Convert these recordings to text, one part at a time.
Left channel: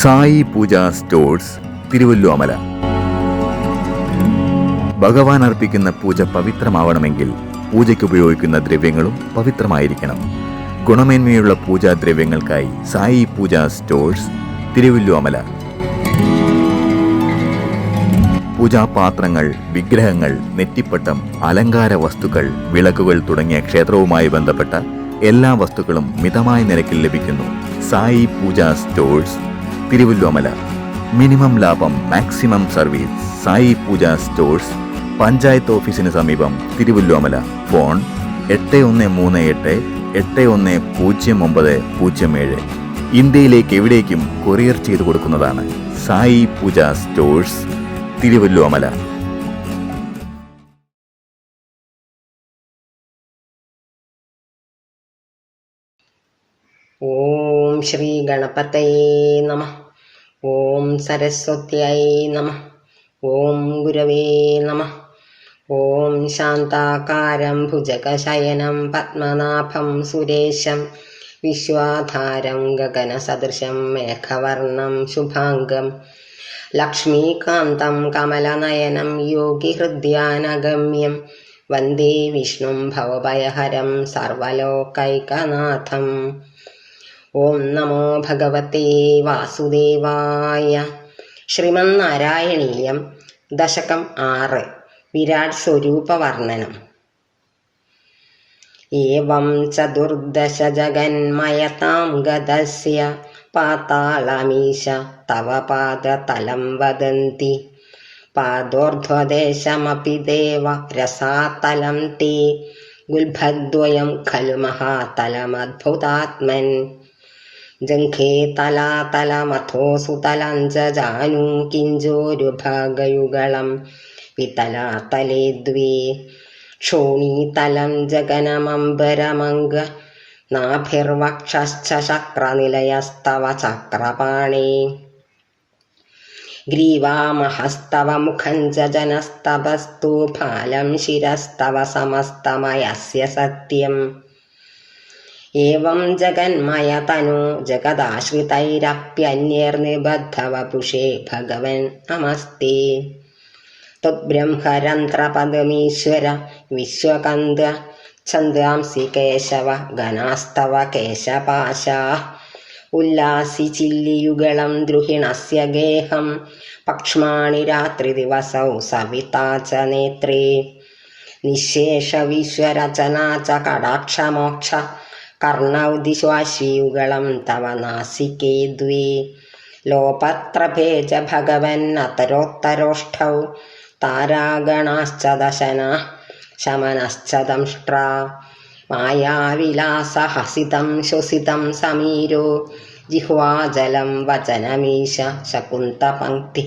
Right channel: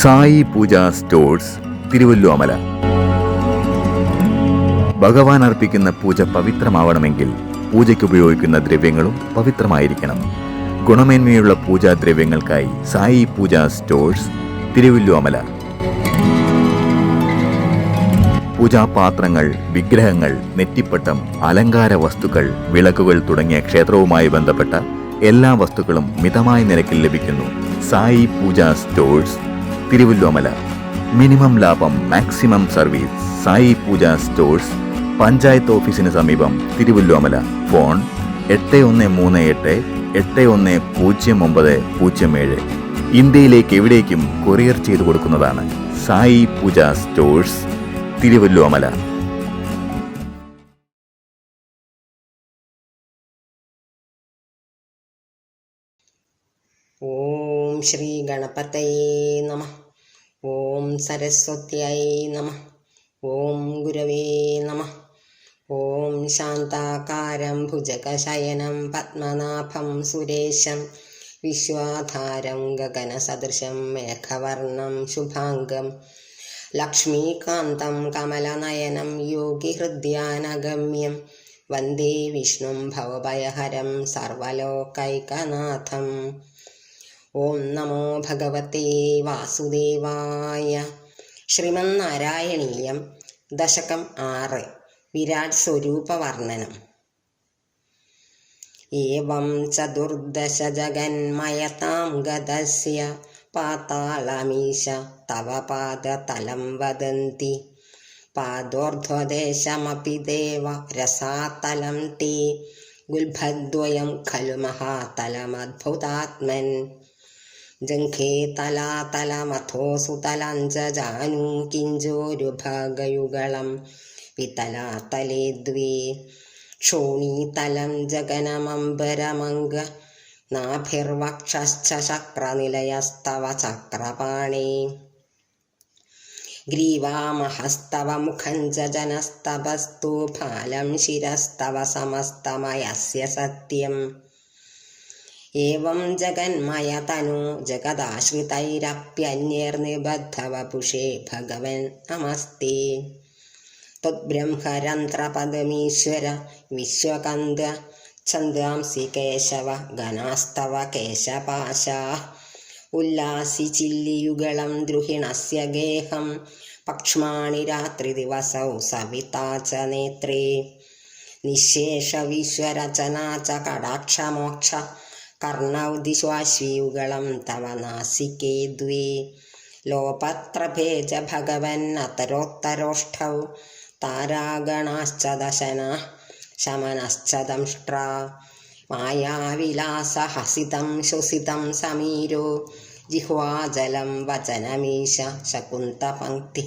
സായി പൂജ stores, Thiruvilwamala. ഭഗവാൻ അർപ്പിക്കുന്ന പൂജ പവിത്രമാവണമെങ്കിൽ പൂജയ്ക്ക് ഉപയോഗിക്കുന്ന ദ്രവ്യങ്ങളും പവിത്രമായിരിക്കണം. ഗുണമേന്മയുള്ള പൂജാദ്രവ്യങ്ങൾക്കായി സായി പൂജ സ്റ്റോഴ്സ്, തിരുവല്ലോമല. പൂജാപാത്രങ്ങൾ, വിഗ്രഹങ്ങൾ, നെറ്റിപ്പട്ടം, അലങ്കാര വസ്തുക്കൾ, വിളക്കുകൾ തുടങ്ങിയ ക്ഷേത്രവുമായി ബന്ധപ്പെട്ട എല്ലാ വസ്തുക്കളും മിതമായ നിരക്കിൽ ലഭിക്കുന്നു. സായി പൂജ സ്റ്റോഴ്സ്, തിരുവല്ലോമല. മിനിമം ലാഭം, മാക്സിമം സർവീസ്. സായി പൂജ സ്റ്റോഴ്സ്, പഞ്ചായത്ത് ഓഫീസിന് സമീപം, തിരുവല്ലോമല. ഫോൺ 8138100907. ഇന്ത്യയിലേക്ക് എവിടേക്കും കൊറിയർ ചെയ്തു കൊടുക്കുന്നതാണ്. സായി പൂജ സ്റ്റോഴ്സ്, തിരുവല്ലോമല. ഓം ശ്രീ ഗണപതയേ നമഃ. ഓം സരസ്വത്യായ നമഃ. ഓം ഗുരവേ നമഃ. ഓം ശാന്താകാരം ഭുജഗശയനം പത്മനാഭം സുരേശം വിശ്വാധാരം ഗഗനസദൃശം മേഘവർണം ശുഭാംഗം ലക്ഷ്മീകാന്തം കമലനയനം യോഗിഹൃദ്യാനഗമ്യം വന്ദേ വിഷ്ണും ഭവഭയഹരം സർവലോകൈകനാഥം. ഓം നമോ ഭഗവതേ വാസുദേവായ. ശ്രീമന്നാരായണീയം ദശകം 6. വിരാട് സ്വരൂപവർണ്ണനം. ഏവം ചതുർദശ ജഗന്മയതാം ഗതസ്യ പാതാളമീശ തവ പാദതലം വദന്തി പാദോർധ്വദേശമപി ദേവ രസാതലം തേ ഗുൽഭദ്വയം ഖലു മഹാതലമദ്ഭുതാത്മൻ ജംഘേ തലാതലമഥോസു തലം ജാനൂ കിഞ്ചോരുഭാഗയുഗളം വിതലാതലേ ദ്വേ ക്ഷോണീതലം ജഗനമംബരമംഗ നാഭിർവക്ഷശ്ച ശക്രനിലയസ്തവ ചക്രപാണേ ഗ്രീവാമഹസ്തവ മുഖം ജനസ്തവസ്തു ഫാലം ശിരസ്തവ സമസ്തമയസ്യ സത്യം. ഏവം ജഗന്മയ തനു ജഗദാശ്രിതൈരപ്യന്യർനിബദ്ധവപുഷേ ഭഗവൻ നമസ്തേ. ത്വദ്ബ്രഹ്മരന്ധ്രപദമീശ്വര വിശ്വകന്ദ ഛന്ദാംസി കേശവ ഗണാസ്തവ കേശപാശാഃ ഉല്ലാസി ചില്ലിയുഗളം ദ്രുഹിണസ്യ ഗേഹം പക്ഷ്മാണി രാത്രിദിവസൗ സവിതാ ച നേത്രേ നിശേഷവിശ്വരചനാ ച കടാക്ഷമോക്ഷ കർണൗ ദിശ്വാശ്വയുഗളം തവ നാസികേ ദ്വേ ലോപത്രഭേ ച ഭഗവൻ അതരോത്തരോഷ്ഠൗ താരാഗണാശ്ച ദശനാഃ ശമനശ്ച ദംഷ്ട്രാ മായാവിലാസഹസിതം ശ്വസിതം സമീരോ ജിഹ്വാജലം വചനമീശ ശകുന്തപംക്തി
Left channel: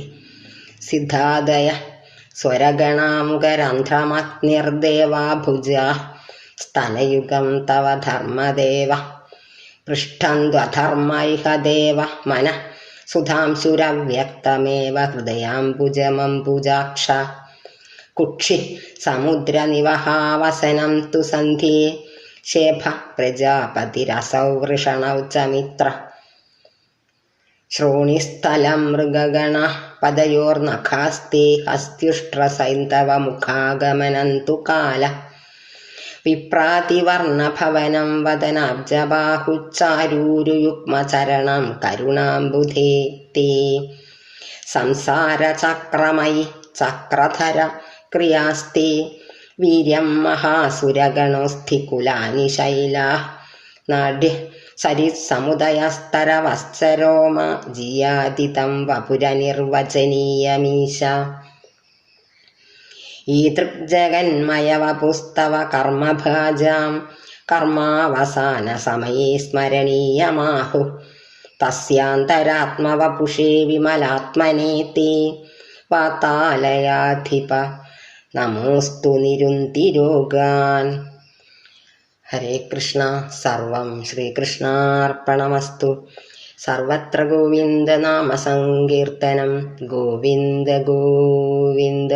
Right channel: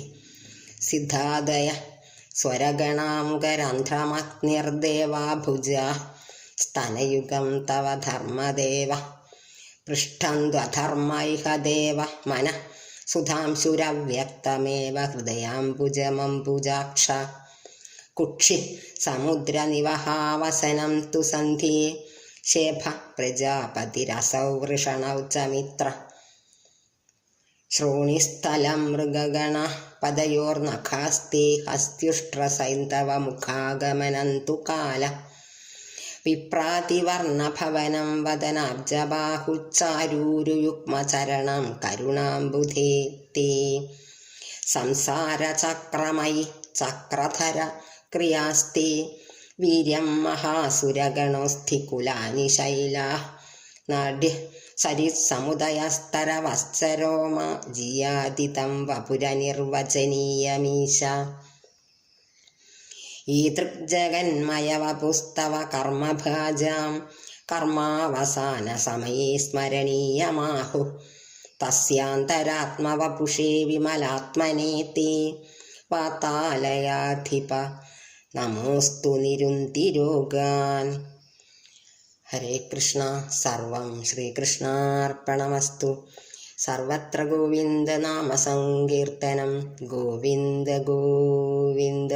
സിദ്ധാദയ സ്വരഗണാമുഖരന്ധ്രമഗ്നിർദേവാ ഭുജാഃ സ്തനയുഗം തവ ധർമ്മദേവ പൃഷ്ഠന്ത്വധർമ്മ ഇഹ ദേവ മനഃ സുധാംശുരവ്യക്തമേവ ഹൃദയാംബുജമംബുജാക്ഷ കുക്ഷി സമുദ്രനിവഹാവസനം തു സന്ധ്യേ ശേഭ പ്രജാപതിരസൗ വൃഷണൗ ച മിത്ര ശ്രോണിസ്ഥലം മൃഗഗണ പദയോർനഖാസ്തേ ഹസ്ത്യുഷ്ട്രസൈന്ധവ മുഖാഗമനം തു കാല വിപ്രാതിവർണഭവനം വദനാബ്ജബാഹുച്ചാരൂരുയുഗ്മചരണം കരുണാംബുധേ തേ സംസാരചക്രമയി ചക്രധര ക്രിയാസ്തേ വീര്യം മഹാസുരഗണോസ്ഥികുലാനി ശൈലാഃ നാഡ്യ സരിത്സമുദയസ്തരവശ്ചരോമ ജിയാതിതം വപുരനിർവചനീയമീശ. ഈദൃഗ്ജഗന്മയവപുസ്തവ കർമ്മഭാജാം കർമാവസാനസമയേ സ്മരണീയമാഹുഃ തസ്യാന്തരാത്മവപുഷേ വിമലാത്മനേ തേ വാതാലയാധിപ നമോസ്തു നിരുന്തിരോഗാൻ. ഹരേ കൃഷ്ണ. സർവം ശ്രീകൃഷ്ണാർപ്പണമസ്തു. സർവത്ര ഗോവിന്ദനാമസങ്കീർത്തനം. ഗോവിന്ദ ഗോവിന്ദ.